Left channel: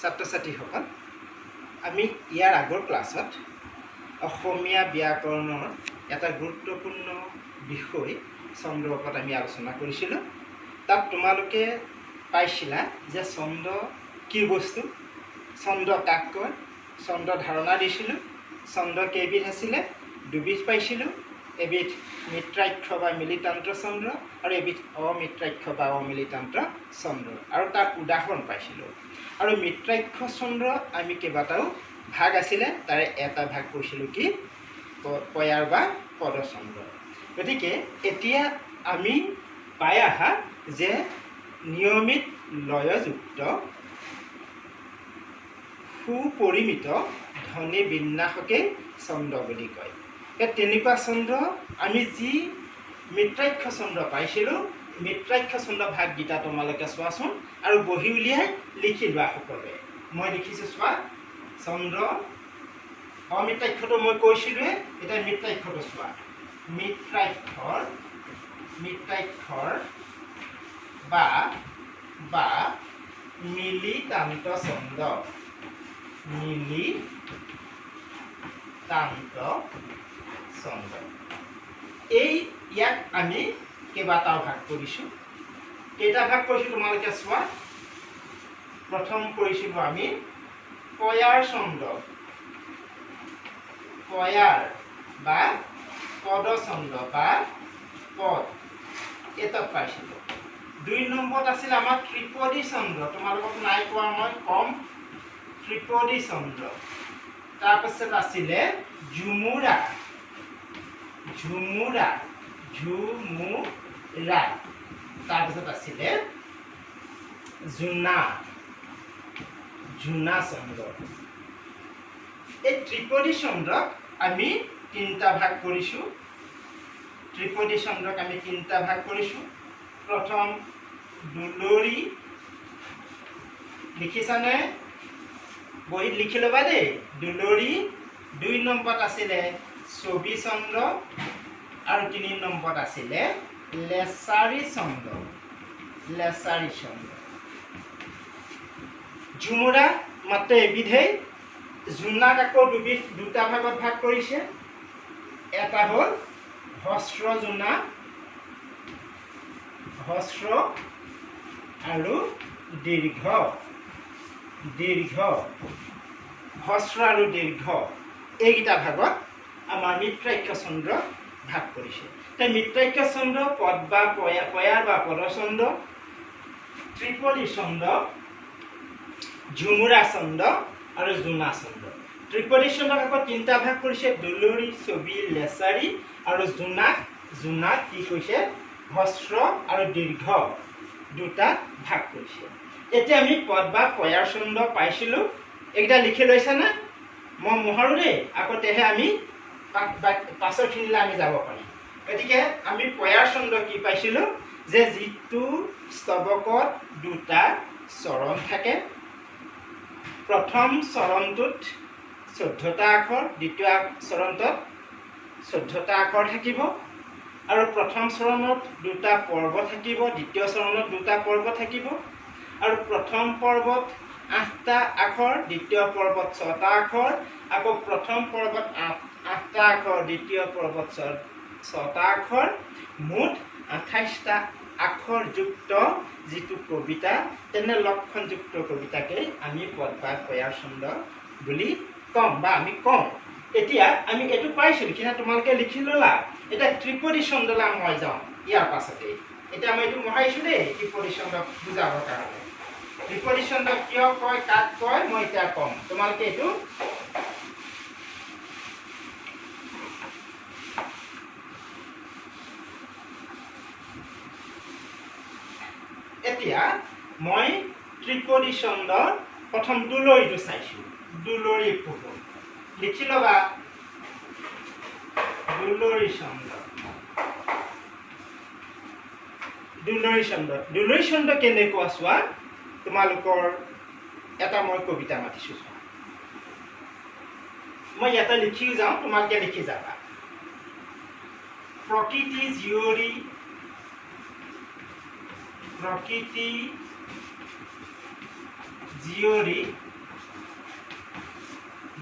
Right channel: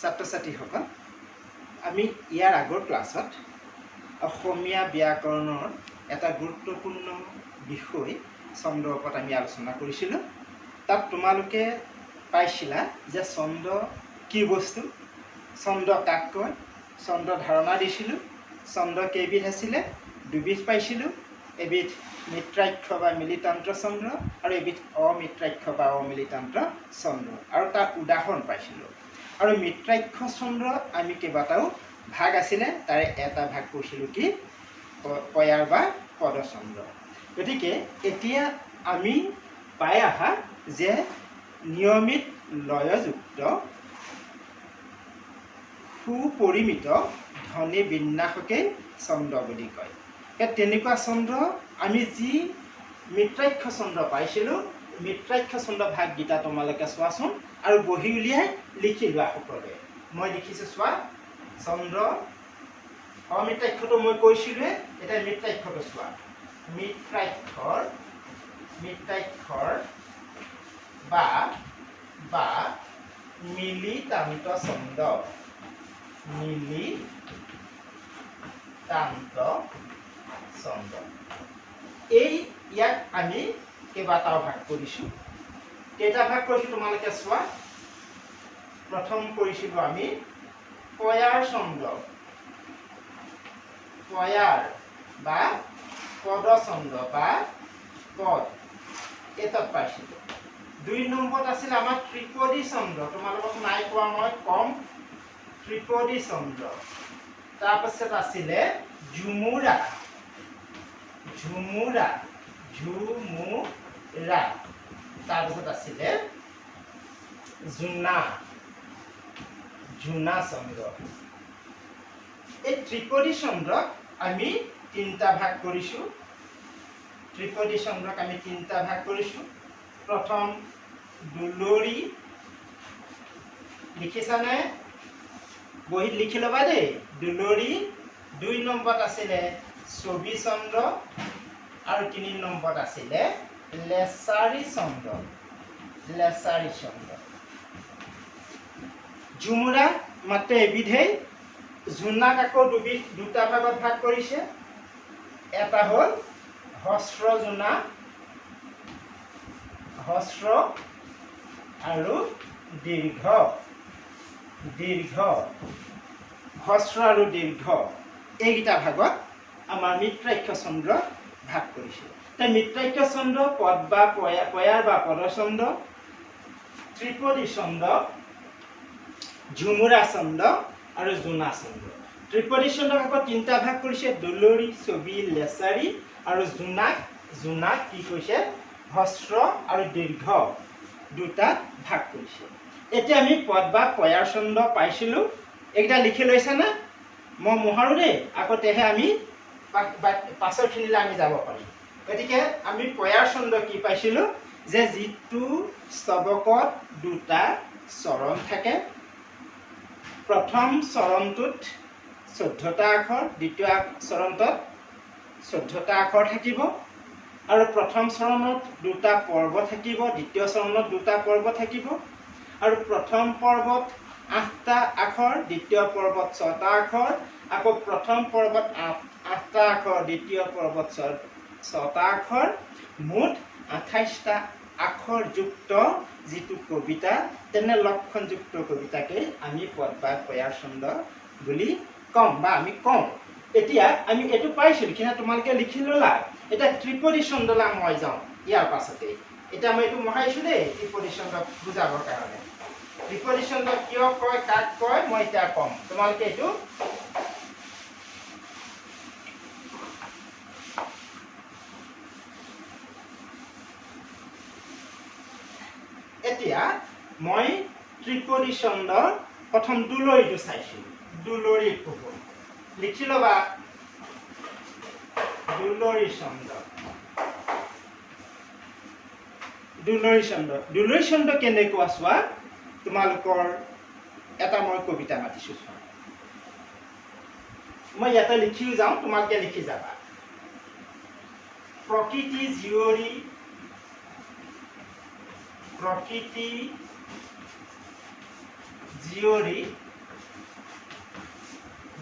ছাত্ৰ ছাত্ৰীসকল আমি ইয়াৰ আগৰ ক্লাছত অসমীয়া ব্যাকৰণৰ এটা গুৰুত্বপূৰ্ণ বিষয় ছন্দৰ ওপৰত আমি আলোচনা কৰিছিলোঁ। তাত তোমালোকে পাইছিলা যে ছন্দ কি বস্তু, ছন্দ কাক কয়, ছন্দ ধাৰণা দিছিলোঁ। ছন্দ কেইবিধ আছিলে? দুবিধ পাইছিলোঁ। এবিধ মিত্ৰাক্ষ বা মিলিতান্ত ছন্দ আৰু এবিধ অমিত্ৰাক্ষ বা অমিলিতান্ত ছন্দ, আৰু তাৰ উদাহৰণ পাইছিলোঁ। আৰু মিত্ৰাক্ষ ছন্দ আমি কেইবাটাও ভাগ আছিলে, তাৰে এটা ভাগ কৈছিলোঁ কি পয়াৰ বা পদছন্দ। গতিকে এতিয়া আমি পাই আহা যে নিয়মিত লয়যুক্ত সুপৰিমিত ধ্বনি বিন্যাসকেই ছন্দ বুলি কয়। তেনেকুৱা ছন্দ আমি যি মিত্ৰাক্ষ ছন্দ পাইছিলোঁ, মিত্ৰাক্ষ ছন্দ ভাগকেইটা তোমালোকে চোৱাচোন আৰু বহি উলিয়াই লিখি লোৱা সকলোৱে। মই লিখিছোঁ চোৱা। ছন্দ অমিত্ৰাক্ষটো মই কৈছিলোঁৱে, এতিয়া মিত্ৰাক্ষটো চোৱা। মিত্ৰাক্ষৰ বা মিলিতান্ত ছন্দ, মিলিতান্ত ছন্দ। ইয়াক আমি কেইবাটাও ভাগ কৰিছোঁ। কেইটা ভাগ কৰিছোঁ তোমালোকে চোৱা। প্ৰথম কৰিছিলোঁ আমি পয়াৰ ছন্দ, পয়াৰ বা পদছন্দ বা পদ, এটাত পাইছিলোঁ। ২ নম্বৰত আছিল আমাৰ ত্ৰিপদী ছন্দ। তোমালোকক নাই কোৱা মই কম, ত্ৰিপদী ছন্দ। তাৰপাছত আছিলে ঝুমুৰা, তাৰপিছত আছিলে জোনা ছন্দ। এই ত্ৰিপদী ছন্দক আমি তিনিটা ভাগ কৰিছোঁ। প্ৰথম দুলৰি, লিখিছানে? বহীত লিখি ল'বা দেই, দুলৰি। ২ নম্বৰত আছিলে ছবি ছন্দ আৰু ৩ নম্বৰত আছিলে লেছাৰী ছন্দ। ঝুমুৰা মাত্ৰ এবিধেই। জোনাক আকৌ দুটা ভাগত ভাগ কৰিছে। এটা হ'ল হস্ৰ জোনা, হস্ৰ আৰু দীৰ্ঘ, হস্ৰ আৰু দীৰ্ঘ, এইকেইটা ভাগত আমাৰ মিত্ৰাক্ষ ছন্দ ভাগ কৰিছে। মিত্ৰাক্ষ ছন্দ পদ বা পয়াৰ বা পদছন্দ, ত্ৰিপদী ছন্দ, ঝুমুৰা ছন্দ আৰু জোনা ছন্দ। ত্ৰিপদী ছন্দক আকৌ তিনিটা ভাগ কৰিছে, দুলৰি, ছবি, লেছাৰী আৰু জোনাক কি কৈছে হস্ৰ আৰু দীৰ্ঘ দুটাত ভাগ কৰিছে। এতিয়া আমি পদ বা পয়াৰ ছন্দ পাইছিলোঁ। এইকেইটা লিখি লৈছেনে? মই মোহাৰো দেই, আকৌ তেহে আমি পাছৰখিনিলৈ আমি যাব পাৰিম। গতিকে আমি পয়াৰ ছন্দ কি পাইছিলোঁ যে যিটো স্তৱকত দুটা চৰণ থাকে, প্ৰথম চৰণটোত 14টা আখৰ, দ্বিতীয় চৰণটোত 14টা আখৰ থাকিব, আৰু প্ৰথম চৰণত দুটা পৰ্ব থাকিব, দ্বিতীয় চৰণত দুটা পৰ্ব থাকিব, আৰু প্ৰথম পৰ্বত 8টা আখৰ, দ্বিতীয় পৰ্বত 6টা আখৰ, আকৌ প্ৰথম পৰ্বত 8টা আখৰ, দ্বিতীয় পৰ্বত 6টা আখৰ, মুঠ 28টা আখৰ যুক্ত যিটো কবিতা, তেনে লক্ষণযুক্ত কবিতাকেই আমি পদ বা পয়াৰ ছন্দ বুলি কম বা আমি কওঁ। এতিয়া আমি এইটো পাইছোঁ, লিখিনা তোমালোকে লিখি ল'লা। এতিয়া ত্ৰিপদী ছন্দলৈ মই যাওঁ ইয়াৰ পাছতেই। এতিয়া মই এইটো মোহাৰিছোঁ দেই, ত্ৰিপদী ছন্দক বুজাবৰ কাৰণে। ত্ৰিপদী ছন্দ কিয় কয়, কাক কয়, মই এতিয়া ক'ম। তোমালোকে এইটো এতিয়া মই ত্ৰিপদী ছন্দৰ প্ৰথম দুলৰিটো চাইছোঁ। দুলৰি পোহৰ লিখি ল'বা। দুলৰি ছন্দ কেনেকুৱা চোৱা। তোমালোকৰ এটা মই কবিতা মাতিছোঁ চোৱা। মই ইয়াতে লিখিও যাওঁ, তোমালোকে লিখি যাবা। প্ৰকৃতি জীয়ৰী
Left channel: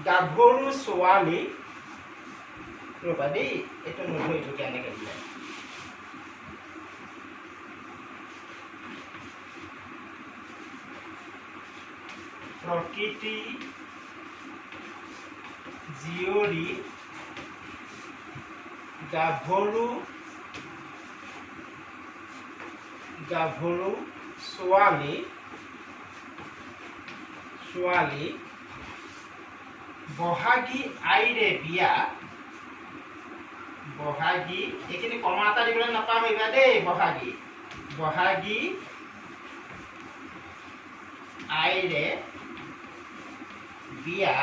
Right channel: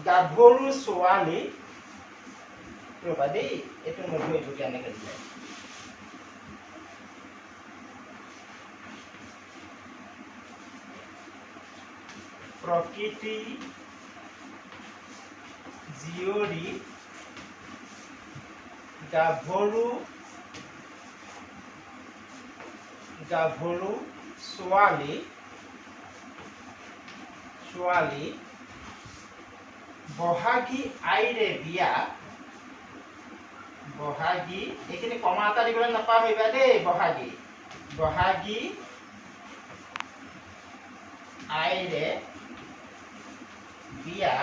গাভৰু ছোৱালী ৰবা দেই এইটো নধো এইটো কেনেকৈ দিলে প্ৰকৃতি জীয়ৰী গাভৰু ছোৱালী বহাগী আইৰে বিয়া বহাগী এইখিনি কমা এটা দিবলৈ নাপাহৰিবা দেই বহাগী আইৰে বিয়া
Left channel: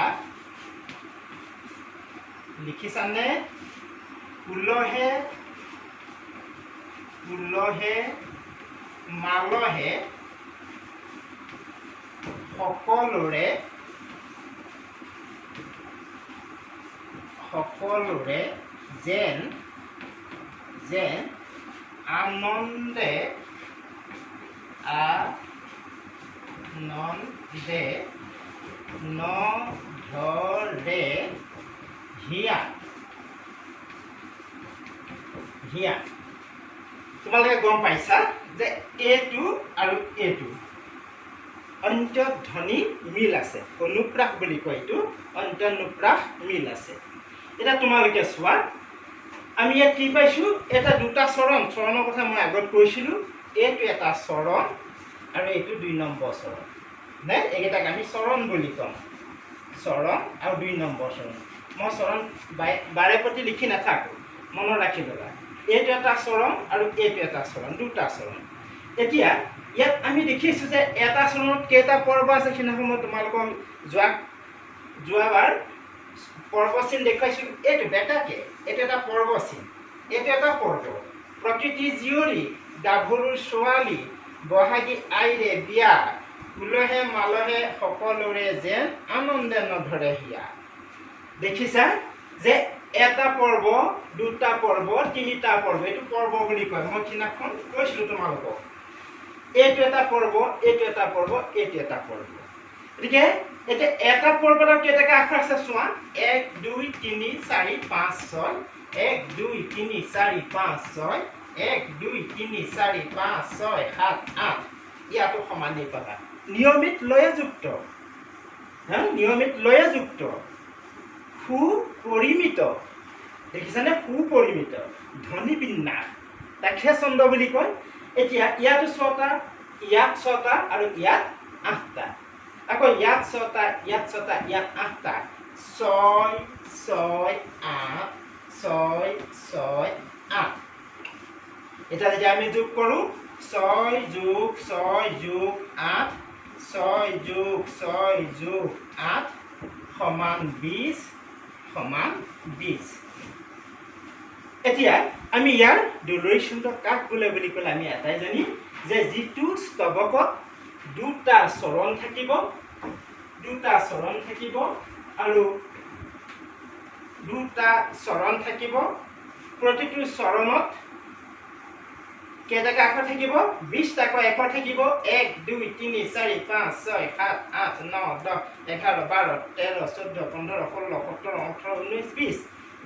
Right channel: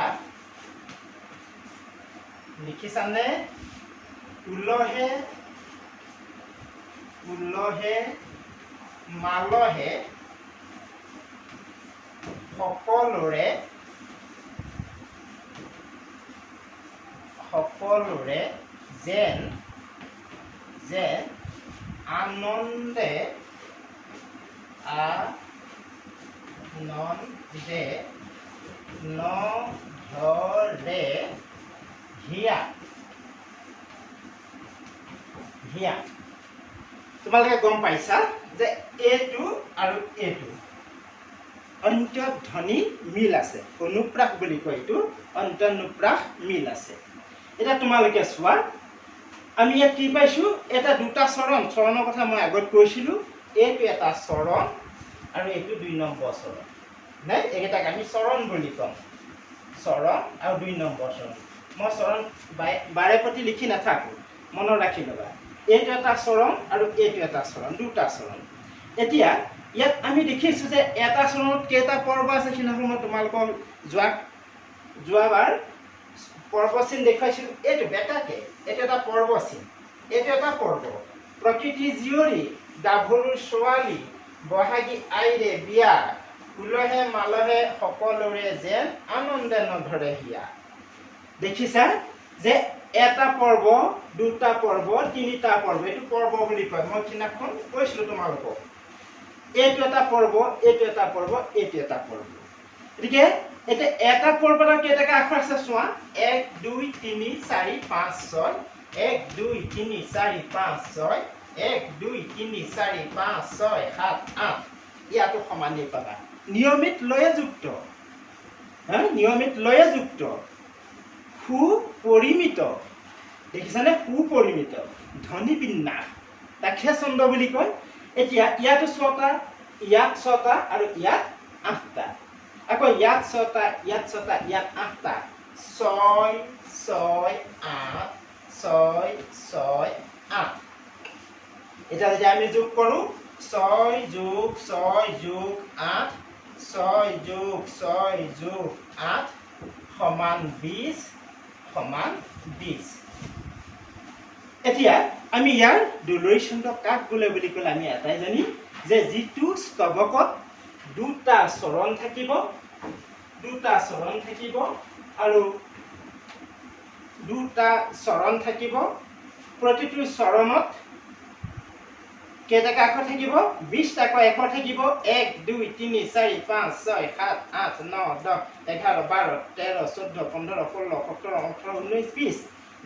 লিখিছানে উলহে মালহে সকলোৰে যেন আনন্দে নধৰে হিয়া তোমালোকে গম পাইছা যে এইটো আৰু এইটো অন্তৰ্ধ্বনি মিল আছে অনুপ্ৰাস বুলি কয় এইটো অন্তৰ্নুপ্ৰাস মিল আছে এটা তোমালোকে চোৱা আমি ইয়াত কি পাইছোঁ এটা দুটা চৰণৰ কথা মই আগত কৈছিলোঁ এইটো এটা চৰণ আৰু এইটো 2 নম্বৰ চৰণ নাই এইকেইটাক আমি চৰণ বুলি ক'ম চৰণ আৰু 2 নম্বৰ চৰণ মই চৰণ বাৰে প্ৰতি লিখি নাথাকোঁ মনত ৰাখি ল'বা এইটো এটা চৰণ আৰু এইটো এটা চৰণ দুটা চৰণ এতিয়া ইয়াত আমি দেখিছোঁ যে এটা চৰণত কেইটা পৰ্ব আছে সেইদিনাখন মই তোমালোকক যোৱাবাৰ পৰ্বচিন দেখুৱাইছিলোঁ এইটো বেটাকে এইটো এটা পৰ্বচিন এইটো এটা পৰ্ব প্ৰকৃতি জীয়ৰী গাভৰু ছোৱালী বহাগী আইৰে বিয়া উলহে মালহে সকলোৰে যেন আনন্দে নধৰে হিয়া দেখিছা যে এটা পৰ্ব দুটা পৰ্ব তিনিটা পৰ্ব এইটো পৰ্ব বুলি কয় মই সেইদিনাখন কৈছিলোঁ তোমালোকক এইটো এটা পৰ্ব এইটো এটা পৰ্ব এইটো এটা পৰ্ব গতিকে এতিয়া এটা পৰ্বত কেইটাকে আখৰ আছে চোৱা 1 2 3 4 5 6 1 2 3 4 5 6 1 2 3 4 5 6 7 8 ইয়াতো সমানেই পাবা নিয়মিত লয়যুক্ত সুপৰিমিত দেখিছানে সুপৰিমিত ধ্বনি বিন্যাস তাকে ছন্দ বুলি কয় এতিয়া ইয়াতো 6টা ইয়াত 6টা আৰু ইয়াত 8টা আকৌ ইয়াত 6টা ইয়াত 8টা 6 6 8 6 6 8 এটা যদি আমি যোগ কৰোঁ 6 যোগ 6 যোগ 8 6 যোগ 6 যোগ 8 সমান 20 এতিয়া আমি ইয়াৰ দুলৰী ছন্দ কাক বোলে বুলি ক'লে আমি এটাই জানিম যে যিটো স্তৱকত দুটা চৰণ থাকিব আৰু দুটা চৰণ থাকিব প্ৰতিটো চৰণত কেইটাকৈ আখৰ থাকিব 20টাকৈ আখৰ থাকিব 1 2 3 4 5 6 7 8 9 10 11 12 13 14 15 16 17 18 19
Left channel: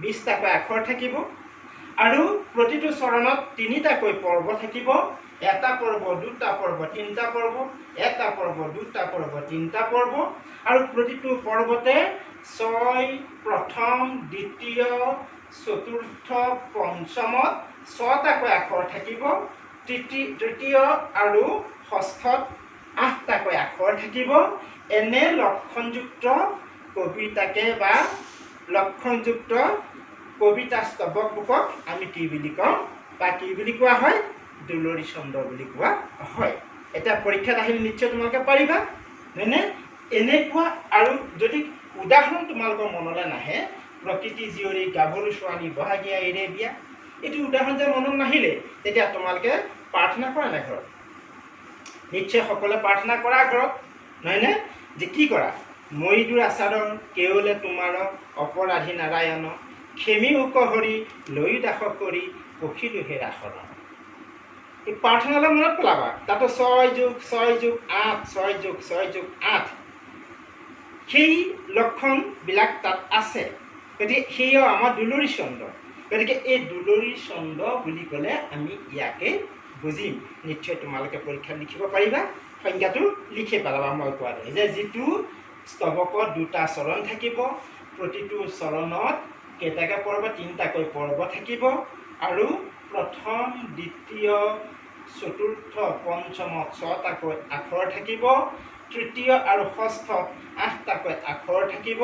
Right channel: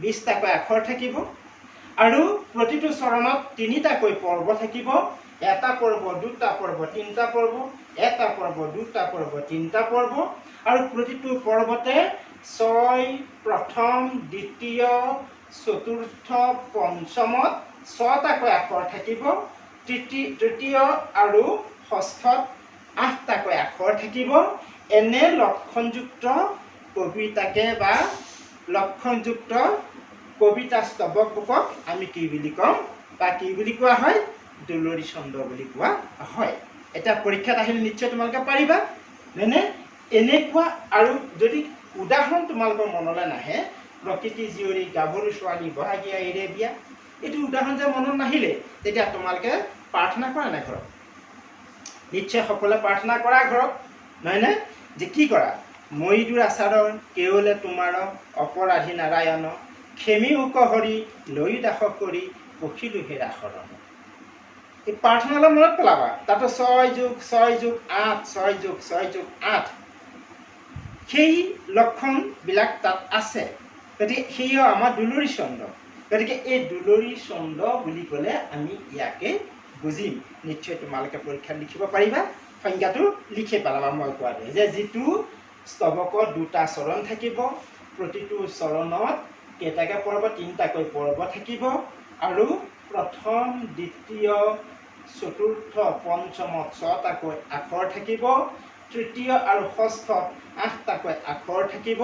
20টাকৈ আখৰ থাকিব আৰু প্ৰতিটো চৰণত 3টাকৈ পৰ্ব থাকিব এটা পৰ্ব দুটা পৰ্ব তিনিটা পৰ্ব এটা পৰ্ব দুটা পৰ্ব তিনিটা পৰ্ব আৰু প্ৰতিটো পৰ্বতে 6 প্ৰথম দ্বিতীয় চতুৰ্থ পঞ্চমত 6টাকৈ আখৰ থাকিব তৃতীয় আৰু ষষ্ঠত 8টাকৈ আখৰ থাকিব এনে লক্ষণযুক্ত কবিতাকে বা লক্ষণযুক্ত কবিতা স্তৱক বুকক আমি কি বুলি কওঁ বা কি বুলি কোৱা হয় দুলৰী ছন্দ বুলি কোৱা হয় এটা পৰীক্ষাত আহিলে নিশ্চয় তোমালোকে পাৰিবা হয়নে এনেকুৱা আৰু যদি উদাহৰণ তোমালোকৰ মনলৈ নাহে প্ৰকৃতি জীয়ৰী গাভৰু ছোৱালী বহাগী আইৰে বিয়া এইটো উদাহৰণ যে মনত নাহিলে তেতিয়া তোমালোকে প্ৰাৰ্থনা কৰা নাই ঘৰত নিশ্চয় সকলোৱে প্ৰাৰ্থনা কৰা ঘৰত নহয়নে যে কি কৰা ময়িদুৰ আচাৰৰ কেৱলে তোমাৰ অপৰাধী নাৰায়ণ খেমি উকহৰি লৈ দাস কৰি পখিলো হেৰা শৰণ এই প্ৰাৰ্থনালৈ মনত পেলাবা তাতো 6 যোগ 6 যোগ 8 6 যোগ 6 যোগ 8 সেই লক্ষণবিলাক তাত আছে। গতিকে সেয়াও আমাৰ দুলৰী ছন্দ। গতিকে এই দুলৰী ছন্দ বুলি ক'লে আমি ইয়াকে বুজিম। নিশ্চয় তোমালোকে পৰীক্ষাত লিখিব পাৰিবা, সংজ্ঞাটো লিখি পেলাবা মই কোৱা দৰে, যে যিটো স্তৱকত দুটা চৰণ থাকিব, প্ৰতিটো চৰণত কেইটাকৈ পৰ্ব, তিনিটাকৈ পৰ্ব থাকিব, আৰু প্ৰথম, দ্বিতীয়, চতুৰ্থ, পঞ্চমত ছটাকৈ আখৰ থাকিব, তৃতীয় আৰু ষষ্ঠত 8টাকৈ আখৰ থাকিব।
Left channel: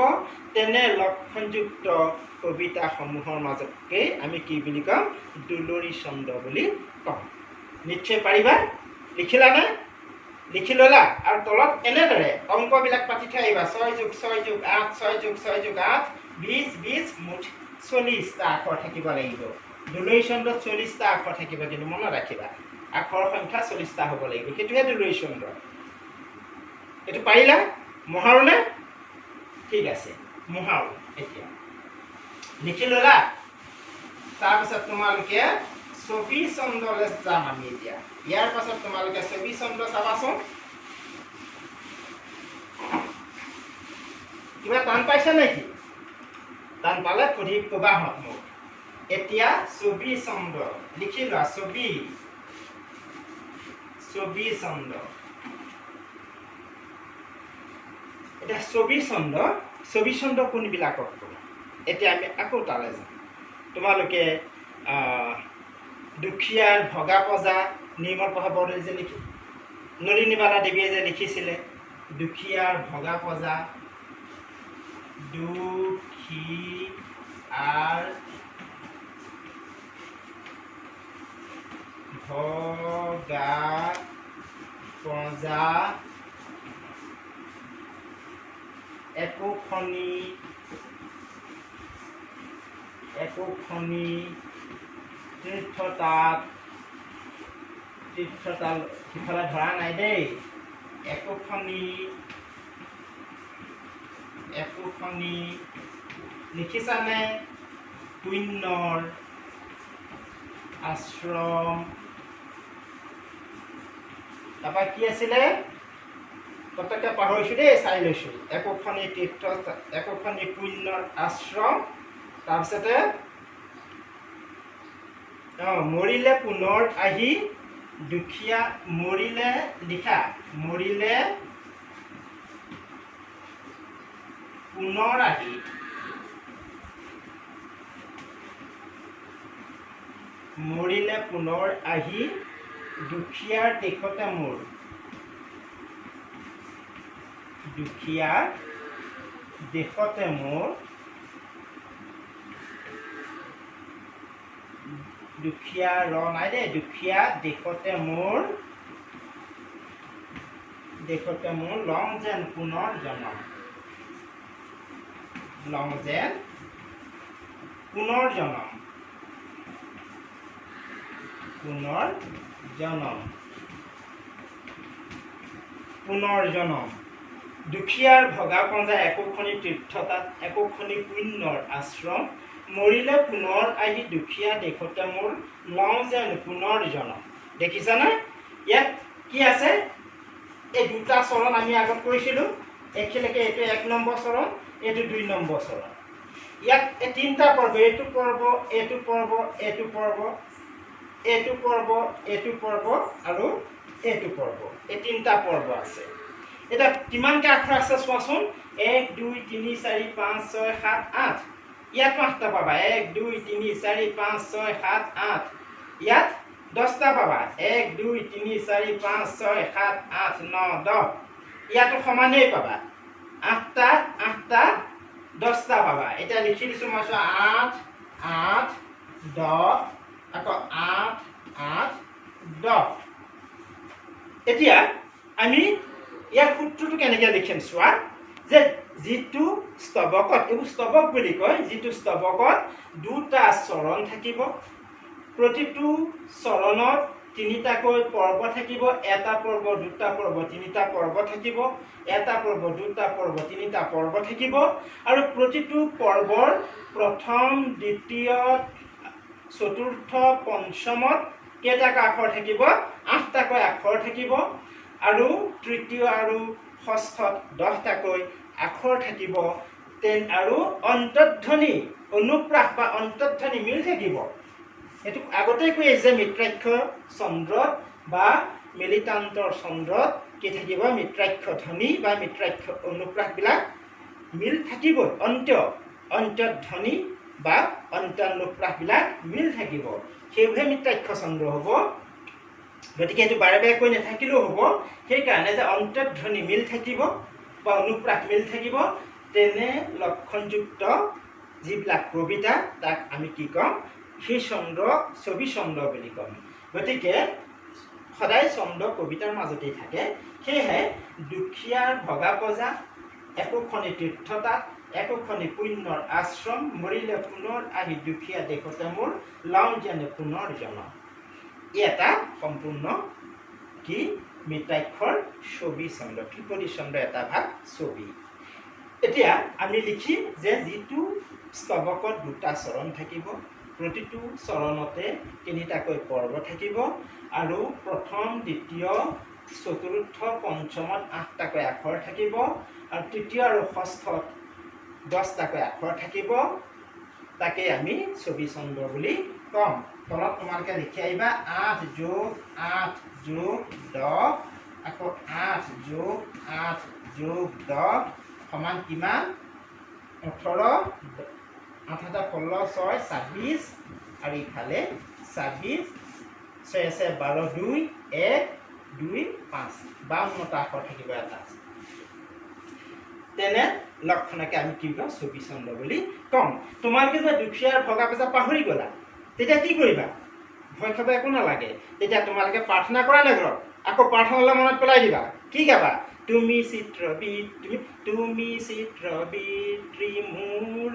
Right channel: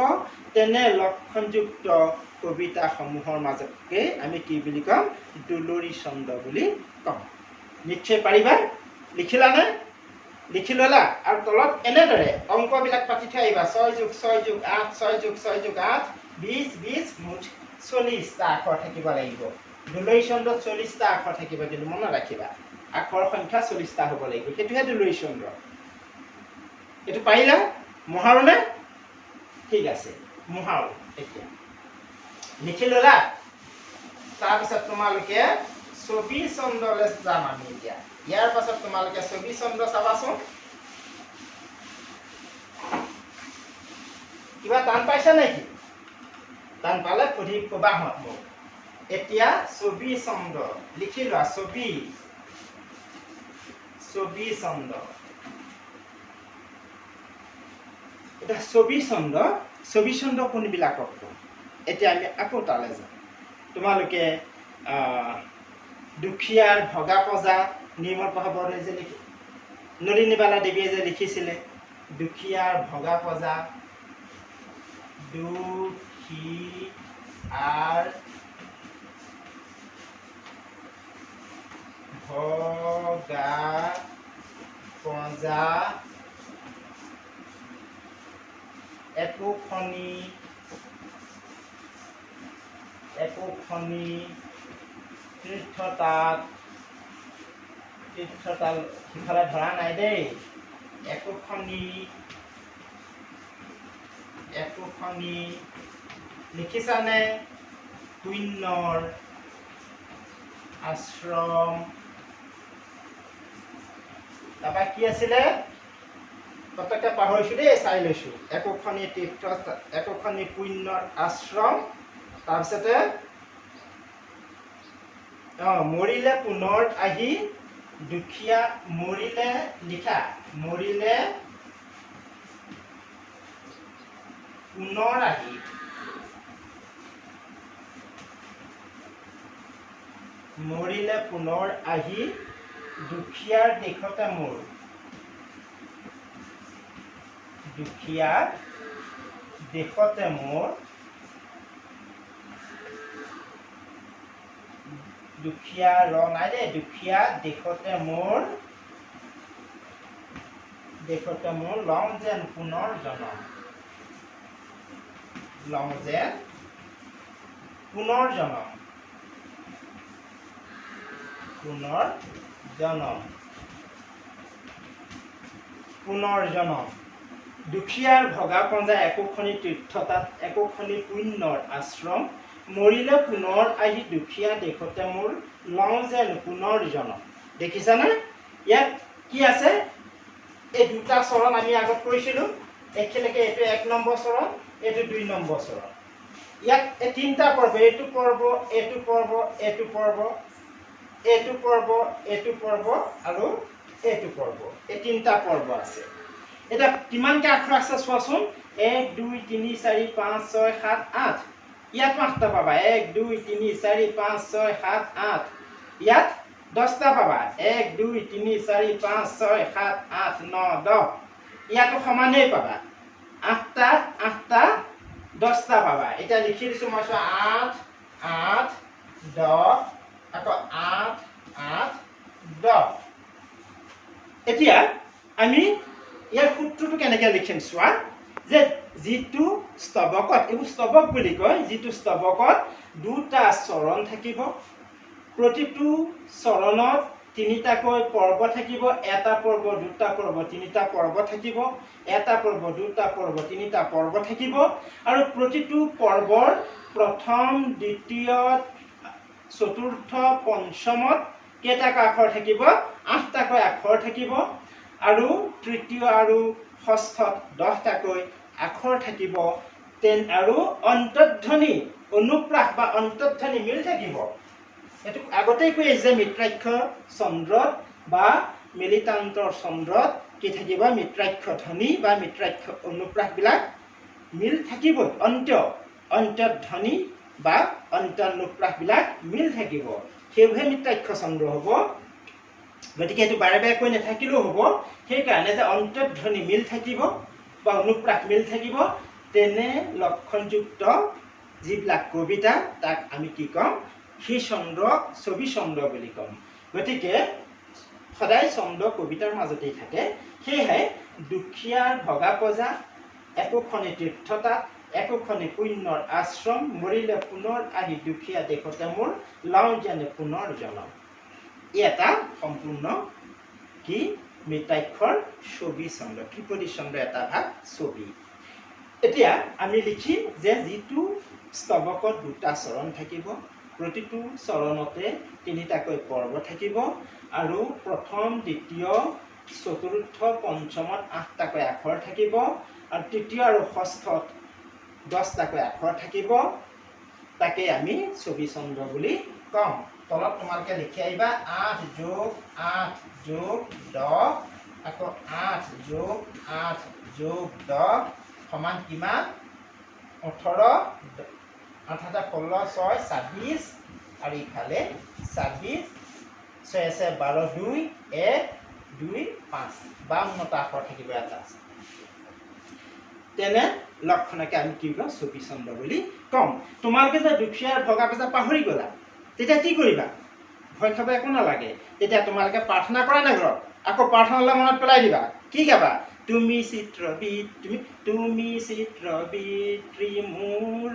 তেনে লক্ষণযুক্ত কবিতাসমূহৰ মাজতকে আমি কি বুলি ক'ম? দুলৰী ছন্দ বুলি ক'ম। নিশ্চয় পাৰিবা? লিখিলানে? লিখি ল'লা? আৰু তলত এনেদৰে অংকবিলাক পাতি থৈ আহিবা। 6 + 6 + 8, 6 + 6 + 8, 20, 20, মুঠ 40টা আখৰ থাকিব লাগিব। দুলৰী ছন্দত 40টা আখৰ থাকিব, কিন্তু মনত ৰাখিবা আখৰ সংখ্যা 40টা হ'ব লাগিব। সেইটোহে দুলৰী ছন্দ। এইটো পাৰিলা? মোহাৰোনে? ঠিক আছে, মোহাৰো। এতিয়া লিখি ল'লা? তাৰপিছত তোমালোকে ছবি ছন্দলৈ যাম আমি এতিয়া। ইয়াৰ পাছত তোমালোকে ছবি ছন্দ চাবাচোন। কিবা টান পাইছা নেকি? টান পালে সুধি ক'বাহঁত মোক। এতিয়া ছবি ছন্দ লিখি লোৱা। ছবি ছন্দ। এতিয়া ছবি ছন্দ কোনবিলাকক কওঁ? এতিয়া আমি আকৌ তালৈ যাম। তোমালোকে দুখীয়াৰ ভগা পজা নিৰ্মল প্ৰসাদ বৰদলৈ যে নলিনীবালা দেৱীয়ে যে লিখিছিলে, দুখীয়াৰ ভগা পজা, দুখীয়াৰ ভগা পজা একোখনি তীৰ্থতাল সিফালে ধৰা নাই দেই। একোখনি লিখিছানে? পুণ্যৰ আশ্ৰম। তাৰপৰা কি আছিলে? পতককে পাহৰিছো দেই, চাই লৈছো। একোখনি পুণ্যৰ আশ্ৰম। তাৰপিছতে মৰিলে পুনৰ আহি দুখীয়া, মৰিলে লিখা, মৰিলে পুনৰ আহি, মৰিলে পুনৰ আহি দুখীয়াৰ দেশতে মোৰ, দুখীয়াৰ দেশতে মোৰ, দুখীয়া নাই দেই, দুখীয়া দেশতে মোৰ লওঁ যেন পুনৰ জনম, লওঁ যেন পুনৰ জনম, দুখীয়াৰ ভগা পঞ্জা একোখনি তীৰ্থতাত, একোখনি পুণ্যৰ আশ্ৰম, মৰিলে পুনৰ আহি দুখীয়া দেশতে মোৰ, লওঁ যেন পুনৰ জনম। দেখিছানে? ইয়াত কি আছে? এই দুটা চৰণ আমি আগত কৰিছিলোঁ। একেলগে এইটো 1 নম্বৰ চৰণ, এইটো 2 নম্বৰ চৰণ। ইয়াত এই 3টা পৰ্ব, এইটো পৰ্ব, এইটো পৰ্ব, এইটো পৰ্ব, এইটো পৰ্ব, এইটো পৰ্ব আৰু এইটো পৰ্ব। এই 3টা পৰ্ব আছে। এতিয়া কিমানকৈ আখৰ আছে চোৱাচোন। 1, 2, 3, 4, 5, 6, 7, 8। ইয়াত 8টা পাবা। 1, 2, 3, 4, 5, 6, 7, 8। ইয়াত 10টা পাবা। 1, 2, 3, 4, 5, 6, 7, 8, 9, 10। ইয়াতো সমানেই পাবা। 8টা 10টা পাবা। এতিয়া লিখি দিছোঁ মই, চোৱা। 8, 8, 10, আকৌ 8, 8, 10। এতিয়া আমি ইয়াৰ সূত্ৰটো কেনেকৈ লিখিম চোৱা। যে যিটো স্তৱকত, এইবোৰ স্তৱক বুলি কয়, যিটো স্তৱকত দুটা চৰণ থাকিব, প্ৰতিটো চৰণত 3টাকৈ পৰ্ব থাকিব। এটা পৰ্ব, দুটা পৰ্ব, 3টা পৰ্ব থাকিব। এটা পৰ্ব, দুটা পৰ্ব, 3টা পৰ্ব থাকিব। আৰু প্ৰতিটো পৰ্বৰ প্ৰথম, দ্বিতীয়, চতুৰ্থ, পঞ্চমত কেইটাকৈ আখৰ থাকিব? 8টাকৈ আখৰ থাকিব। আৰু তৃতীয় আৰু ষষ্ঠত 10টাকৈ আখৰ থাকিব আৰু অন্তৰ্ধ্বনি অনুপ্ৰাস বা অন্তৰ্ধ্বনি মিল থাকিব। এইটো আগতেই কৈ আহিছে মিত্ৰাক্ষৰ ছন্দত বা মেলিতান্তৰ ছন্দত কি থাকিব মিত্ৰাক্ষ ধ্বনি বা মিত্ৰাক্ষ অনুপ্ৰাসবিলাক মিল থাকিবই। অন্তৰ্ধ্বনি বা অন্তৰ্নুপ্ৰাসবিলাক মিল থাকিব, সেইবোৰহে মিত্ৰাক্ষ ছন্দ হ'ব। গতিকে এইটো বাৰে বাৰে কৈ নাথাকিলেও হ'ব। সেইকাৰণে যে অন্তৰ্ধ্বনি মিল থাকিব বা অনুপ্ৰাস মিল থাকিব, তেনে লক্ষণযুক্ত যিবিলাক কবিতা তাক আমি কি ক'ম সেই ছন্দক ছবি ছন্দ বুলি ক'ম। গতিকে সদায় ছন্দ কবিতাৰ মাজতেই থাকে। সেয়েহে দুখীয়াৰ ভগা পজা, একোখনি তীৰ্থতাত, একোখনি পুণ্যৰ আশ্ৰম, মৰিলে পুনৰ আহি দুখীয়া দেশতে মোৰ, লওঁ যেনে পুনৰ জনম। ই এটা সম্পূৰ্ণ কি মিত্ৰাক্ষৰ ছবি ছন্দ, ত্ৰিপদী ছন্দ এটা ভাগ ছবি। এতিয়া আমি লিখিম যে যিটো স্তৱকত দুটা চৰণ থাকিব, প্ৰতিটো চৰণতে তিনিটাকৈ পৰ্ব থাকিব আৰু প্ৰথম দ্বিতীয় চতুৰ্থ পঞ্চমত 8টাকৈ আখৰ থাকিব আৰু তৃতীয় আৰু ষষ্ঠত 10টাকৈ আখৰ থাকিব, তাকে আমি ছবি ছন্দ বুলি ক'ম। তলত তোমালোকে লিখি আহিবা 8 + 8 + 10 আকৌ 8 + 8 + 10 সমান কিমান 18, 8 × 16, 6, 26 আৰু ইফালে 26, 6 আছে 12, 2, 1, 2, 5 52টা আখৰ থাকিব এটা। তেনে লক্ষণকে আমি কি ক'ম ছবি ছন্দ বুলি ক'ম। তোমালোকে যে দুখীয়াৰ ভগা পজা পাহৰি গ'লা, তেতিয়া কি কৰিবা? ভয় খাব একো নালাগে। তেতিয়া তোমালোকে প্ৰাৰ্থনা কৰা নে ঘৰত? আকৌ প্ৰাৰ্থনালৈ মনত পেলাই দিবা। কি গাবা? তুমি চিত্ৰবিদ ত্ৰিমূৰ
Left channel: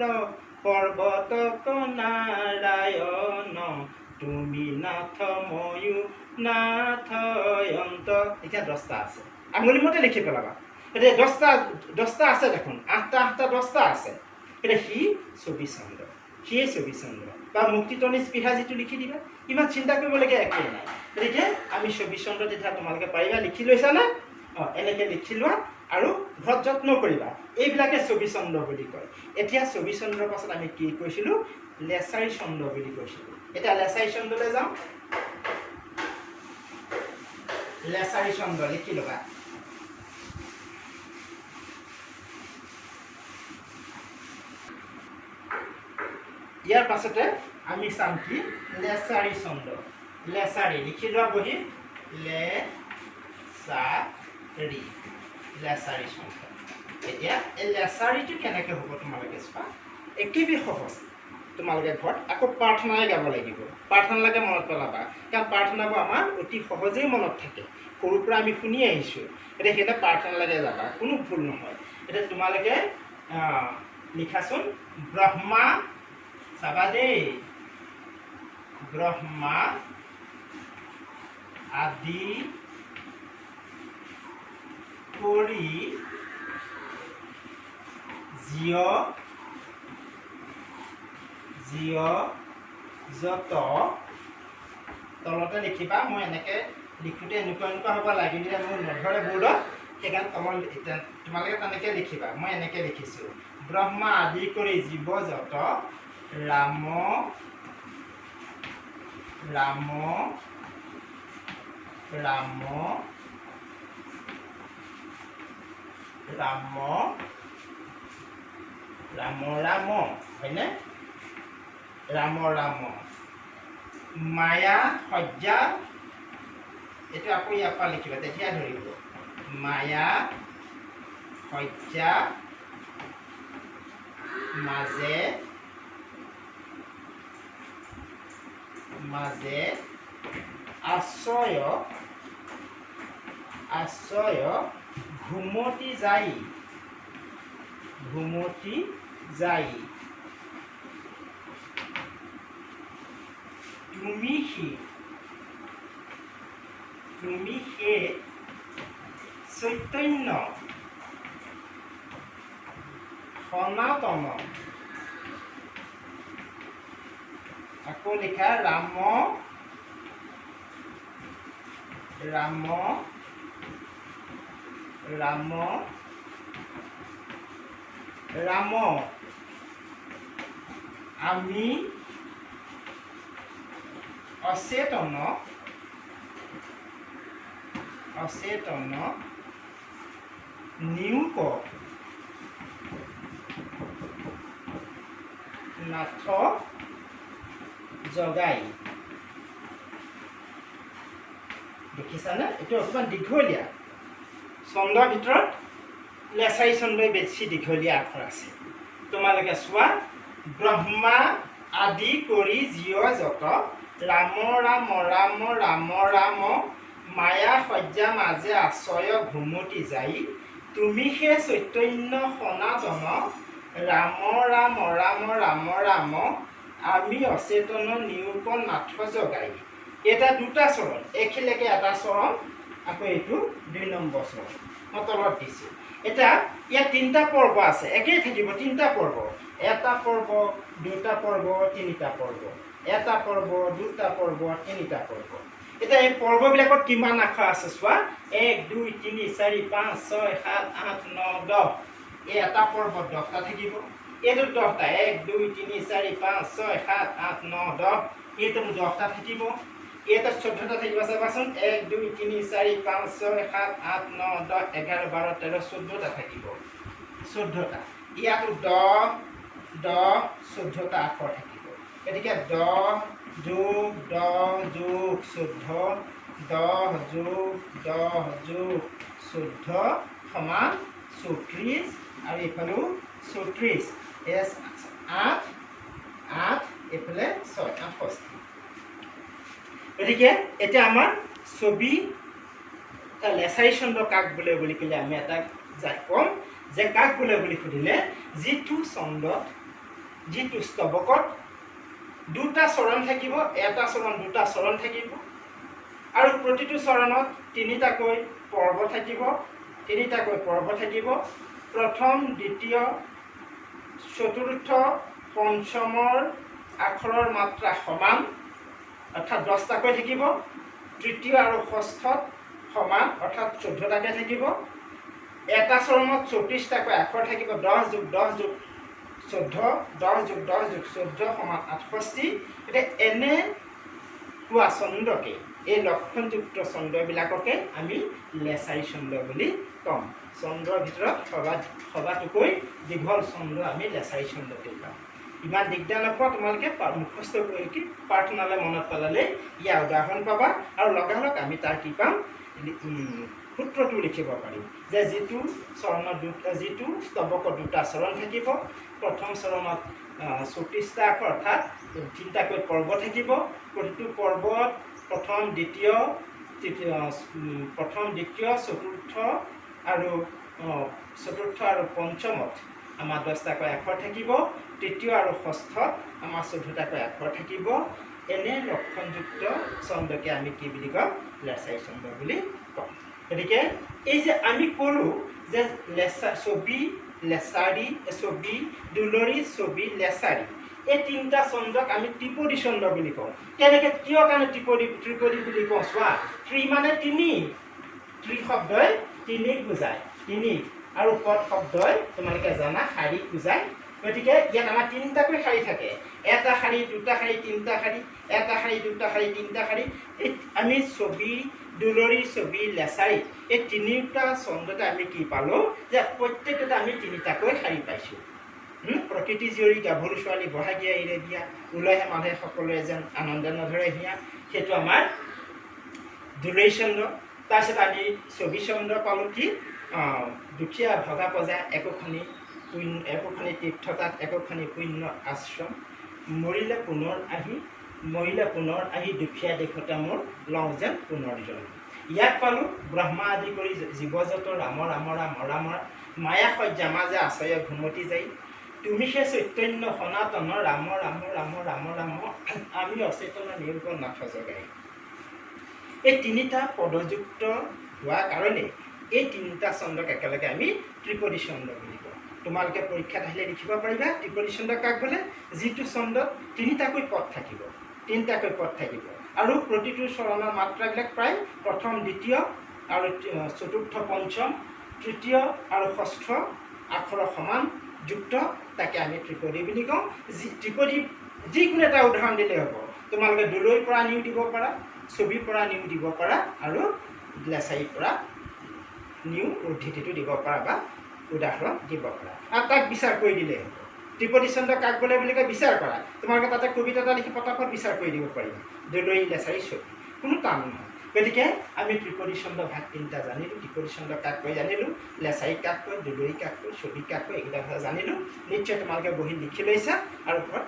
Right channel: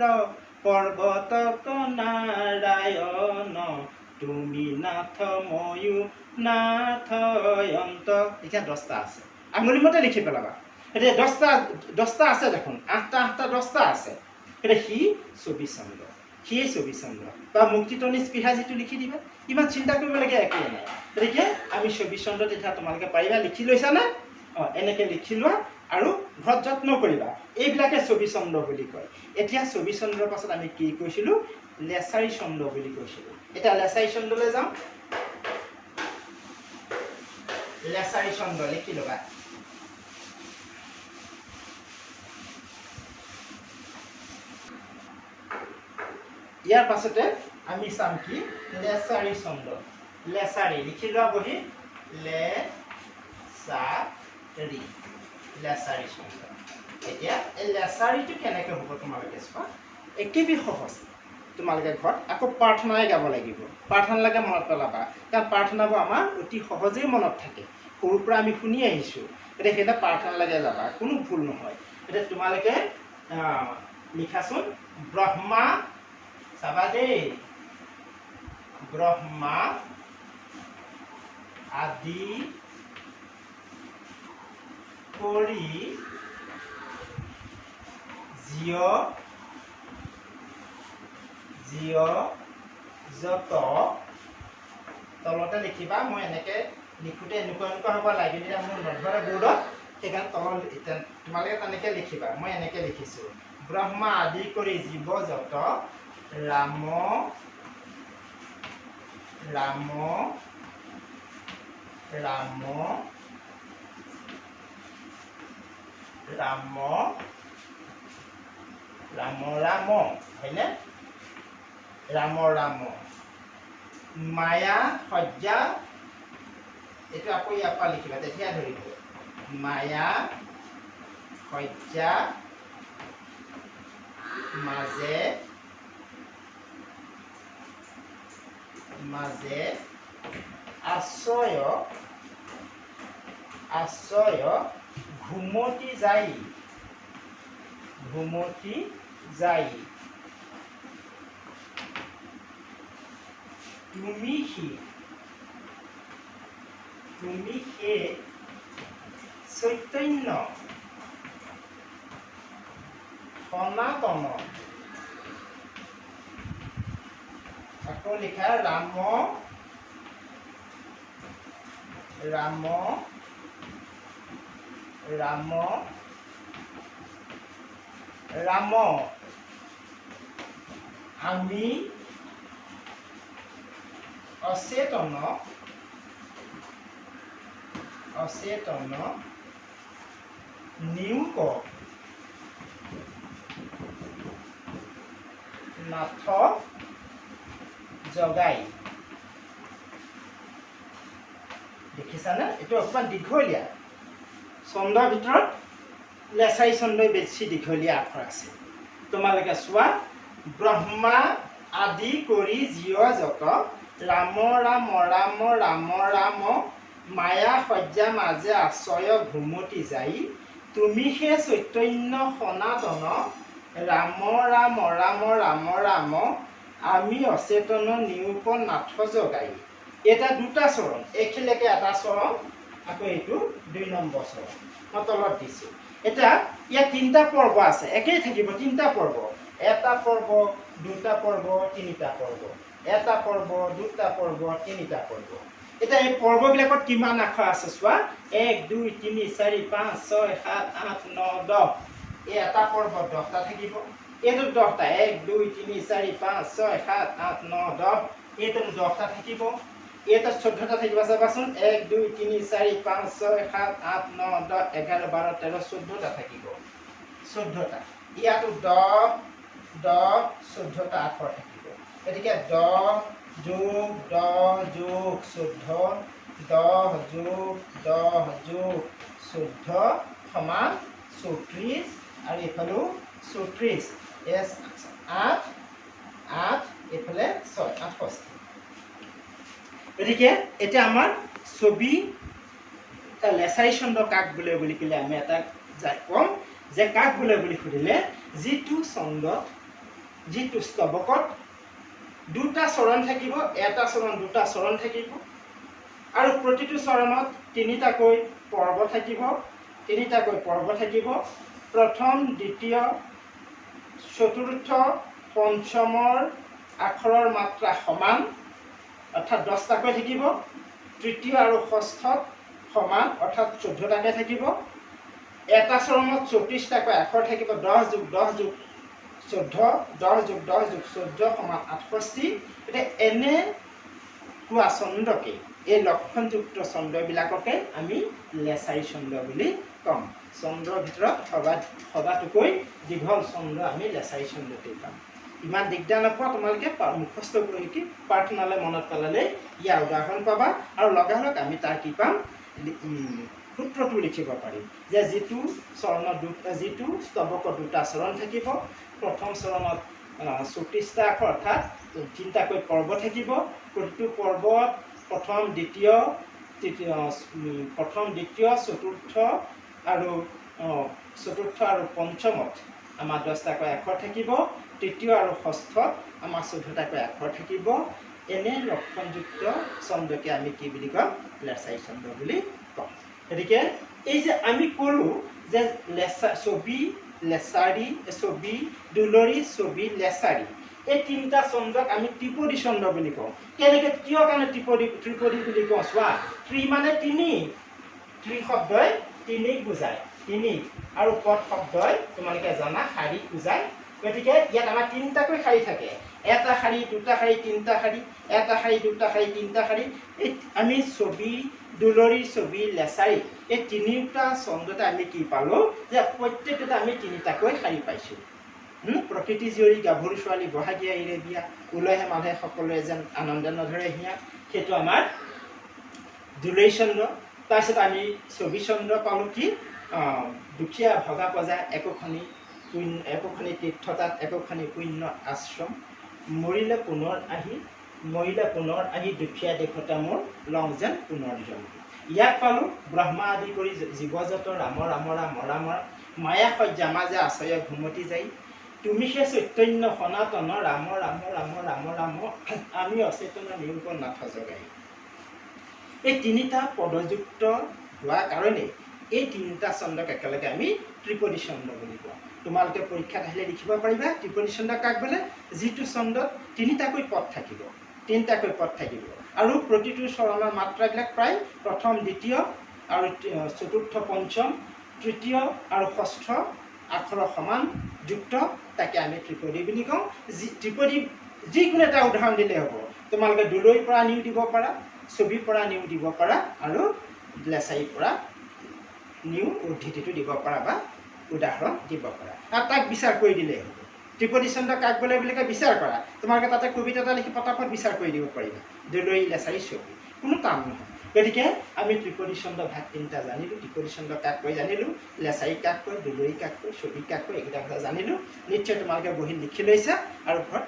পৰ্বত নাৰায়ণ, তুমি নাথ ময়ূ নাথ অন্ত। এতিয়া 10টা আছে, আঙুলি মতে লিখি পেলাবা। এতিয়া 10টা আছে দেখোন, 8টা 8টা 10টা আছে। এতিয়া সি ছবি ছন্দ, সিয়ে ছবি ছন্দ বা মুক্তিতনী স্পৃহা যিটো লিখি দিবা, ইমান চিন্তা কৰিবলগীয়া একোৱেই নাই। গতিকে আমি ছবি ছন্দ তেতিয়া তোমালোকে পাৰিবা, লিখি লৈছানে? এনেকৈ লিখি লোৱা আৰু ঘৰত যত্ন কৰিবা। এইবিলাকে ছবি ছন্দ বুলি কয়। এতিয়া ছবি ছন্দৰ পাছত আমি কি কৈছিলোঁ লেছাৰী ছন্দ বুলি কৈছিলোঁ। এতিয়া লেছাৰী ছন্দলৈ যাওঁ। লেছাৰী ছন্দ লিখি ল'বা। ইয়াৰ পাছতে আমি চাম কি লেছাৰী ছন্দ। লেছাৰী লিখি লোৱা বহি, লেছাৰী ছন্দ। এতিয়া এই লেছাৰীটো কেনেকৈ হ'ব তোমালোকে চোৱা, একেবাৰে সহজ। তোমালোকে ঘৰত আকৌ প্ৰাৰ্থনাই গাব লাগিব। প্ৰাৰ্থনালৈকে মনত পেলাবা, কাৰণ প্ৰাৰ্থনাবোৰ আমাৰ অতি সহজেই মনত থাকে, সৰুৰ পৰা আমি শুনি আহিছোঁ। এতিয়া সেইটা প্ৰাৰ্থনালৈকে যাবা, কোনো ভুল নহয়। এতিয়া তোমালোকে লিখাচোন ব্ৰহ্মা, চাবা দেই, ব্ৰহ্মা আদি কৰি জীয় যত, তলতে লিখিবা। মই এনেকৈ লিখোঁতে এনেকুৱা হ'ব লাগে, যেতিয়া মোৰ নধৰে বৰ্ডত, সেইকাৰণে তলত তোমালোকে তেনেকৈ লিখিবা। মই এনেকৈ লিখিছোঁ, ব্ৰহ্মা আদি কৰি জীৱ যত ৰাম ৰাম ৰাম ৰাম ৰাম ৰাম, হয়নে? ৰাম ৰাম মায়া সজ্জা, এইটো আকৌ ইয়াৰ পৰা লিখিবা, তেতিয়া ধৰিব। মায়া সজ্জা মাজে মাজে আশ্ৰয় ঘুমতি যাই তুমি সে চৈতন্য সনাতন। আকৌ লিখা ৰাম ৰাম ৰাম ৰাম আমি অচেতন নিয়োগ নাথ জগাই দেখিছানে এইটো অকণমান দীঘলীয়া ছন্দৰ ভিতৰত লেছাৰী ছন্দই বেছি দীঘলীয়া আখৰ আছে তোমালোকে চোৱা ব্ৰহ্মা আদি কৰি জীৱ যত ৰাম ৰাম ৰাম ৰাম ৰাম মায়া সজ্জা মাজে আশ্ৰয় ঘুমতি যাই তুমি হে চৈতন্য সনাতন ৰাম ৰাম ৰাম ৰাম ৰাম আমি অচেতন নিৰূপ নাথ জগাই এটা দুটা চৰণ এইখিনিলৈকে এটা চৰণ আকৌ এইটো 2 নম্বৰ চৰণ মই তলত দিছোঁ এটা ইয়াত 3টা পৰ্ব আছে একেই থাকিব 3টা পৰ্ব এটা পৰ্ব দুটা পৰ্ব তিনিটা পৰ্ব এটা পৰ্ব দুটা পৰ্ব তিনিটা পৰ্ব এটা এই পৰ্ববিলাকত কিমান আখৰ আছে চোৱা 1 2 3 4 5 6 7 8 9 10 এই এটা পৰ্বত 10টা থাকিব এইটো 10টা 1 2 3 4 5 6 7 8 9 10 এইটো 10টা থাকিব এটা 14টা থাকিব চাবাচোন 1 2 3 4 5 6 7 8 9 10 11 12 13 14টা থাকিব 14টা ইয়াতো 10 10 14টা আখৰ থাকিব গতিকে 10 যোগ 10 যোগ 14 10 যোগ 10 যোগ 14 সমান 34 আৰু এইফালেও 34 এছ 8 8 এইফালে 6 68 গতিকে এতিয়া আমাৰ ছবি লেছাৰী ছন্দ কাক বোলে বুলি ক'লে আমি এটা ক'ম যে কাক বোলে বুলি সুধিলে যিটো ছন্দত যিটো স্তৱকত দুটা চৰণ থাকিব এটা চৰণ দুটা চৰণ থাকিব আৰু প্ৰতিটো চৰণত তিনিটাকৈ পৰ্ব থাকিব প্ৰথম দ্বিতীয় চতুৰ্থ পঞ্চমৰ আখৰৰ মাত্ৰা সমান অৰ্থাৎ 10টাকৈ থাকিব তৃতীয় আৰু ষষ্ঠত সমান অৰ্থাৎ 14টাকৈ থাকিব এটা চৰণত 34টাকৈ আখৰ থাকিব 10 যোগ 10 যোগ 14 10 যোগ 10 যোগ 14 সমান 68 এতিয়া এনে কোৱা ছন্দকে এই লক্ষণযুক্ত ছন্দবিলাককে আমি লেছাৰী ছন্দ বুলি ক'ম ছন্দৰ ভিতৰত সবাতোকৈ দীঘল ছন্দ আমি লেছাৰী ছন্দতেই পাম ইমান দিগদাৰ নপোৱা তোমালোকে মুখস্থ কৰি প্ৰাৰ্থনালৈ মনত পেলালে ইয়াৰ উদাহৰণ পাবা আৰু লগালগ আমি তাৰ কি পাম সূত্ৰটো লিখিব পাৰিম যে যিটো চৰণত যিটো স্তৱকত দুটা চৰণ থাকিব প্ৰথম চৰণত 34টা আখৰ অৰ্থাৎ 3টাকৈ পৰ্ব থাকিব প্ৰতিটো পৰ্বত প্ৰথম দ্বিতীয় চতুৰ্থ আৰু পঞ্চমত আমাৰ 10টাকৈ আখৰ থাকিব তৃতীয় আৰু ষষ্ঠত আমাৰ 14টাকৈ আখৰ থাকিব এনে লক্ষণযুক্ত ছন্দকে আমি কি বুলি ক'ম লেছাৰী ছন্দ বুলি ক'ম গতিকে এই যে আমি ক'লোঁ যে ছবি লেছাৰী ছবি দুলৰী ছবি লেছাৰী এই 3টা ছন্দক আমি ত্ৰিপদী ছন্দ বুলি কওঁ কেনেকৈ কিয় কাৰণে ত্ৰিপদী বুলি কওঁ চোৱা ত্ৰি মানে তিনি ত্ৰি শব্দই তিনিক বুজায় তিনি আৰু পদ শব্দই তোমালোকে জানা শাৰীক বুজায় গতিকে ইয়াত আমাৰ 3টাকৈ শাৰী থাকে এটা শাৰী দুটা শাৰী তিনিটা শাৰী এটা শাৰী দুটা শাৰী তিনিটা শাৰী এই আমি ছবি দুলৰী ছবি লেছাৰী এই 3টা ছন্দতে আমি কি পালোঁ যে প্ৰত্যেকতে আমি 3টাকৈ শাৰী পাইছোঁ প্ৰকৃতি জীয়ৰী গাভৰু ছোৱালী বহাগীয়া এৰে বিয়া ওলাইহে মানুহে সকলোৱে যেন আনন্দ নধৰে হিয়া সেইটো আমাৰ দুলৰী ছন্দ তাৰপিছত আমি ছবি ছন্দ পালোঁ কি দুখীয়া ভগা পজা একোখনি তীৰ্থতাত একোখনি পুণ্য আশ্ৰম মৰিলে পুনৰ আহি দুখীয়া দেশতে মোৰ লং যেন পুনৰ জন্ম ইয়াত পালোঁ ব্ৰহ্মা আদি কৰি জীৱজত ৰাম ৰাম ৰাম ৰাম মায়া সজ্জা মাজে আশ্ৰয় ঘুমতি যাই তুমি হে চৈতন্য সনাতন ৰাম ৰাম ৰাম ৰাম ৰাম আমি অচেতন নিৰূপ নাথ জগাই এই 3টা পদযুক্ত হোৱাৰ কাৰণে এই 3টা ছন্দক একেলগে আমি ত্ৰিপদী ছন্দ বুলি কওঁ তোমালোকে পৰীক্ষাত আহিলে লিখিব পাৰিবা ত্ৰিপদী ছন্দ কাক বোলে যিটো ছন্দত 3টাকৈ পদ থাকিব আৰু প্ৰতিটো চৰণৰ মাত্ৰাবিলাক প্ৰায় প্ৰথম দ্বিতীয় আৰু চতুৰ্থ পঞ্চম তৃতীয় আৰু ষষ্ঠ আখৰৰ সমান যুক্ত তাকে আমি ত্ৰিপদী বুলি কওঁ ত্ৰিপদী যিকোনো এটা উদাহৰণ দিলে হ'ব তোমালোকে দুলৈৰ পৰা নিও দিব পাৰা ছবিৰ পৰা নিও দিব পাৰা আৰু লেছাৰীৰ পৰা নিউ উদ্ধৃতিটো দিব পাৰা বা উদাহৰণ দিব পাৰা আৰু তাক বিচাৰ কৰি দিলে হ'ব ত্ৰিপদী ছন্দ কাক বোলে বুলি কয় বিচাৰ কৰা তোমালোকে তাতে কবিতা এটা লিখি পটাপট বিচাৰ কৰি দিব পাৰিবা দুলৈ লেছাৰী ছবি কোনো টান নহয় গতিকে আমি ত্ৰিপদী ছন্দ ভাগ তিনিটা জানিলোঁ ত্ৰিপদী ছন্দ কাক কয় জানিলোঁ লেছাৰী কাক কয় দুলৈ কাক কয় ছবি কাক কয় এইকেইটা কথা জানিলোঁ নিশ্চয় তোমালোকে বহি লিখি লৈছা আৰু ঘৰত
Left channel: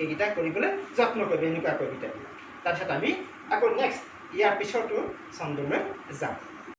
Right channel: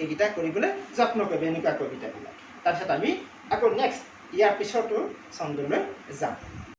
এইকেইটা কৰিবলৈ যত্ন কৰিবা এনেকুৱা কবিতাবিলাক তাৰপিছত আমি আকৌ নেক্সট ইয়াৰ পিছতো ছন্দলৈ যাম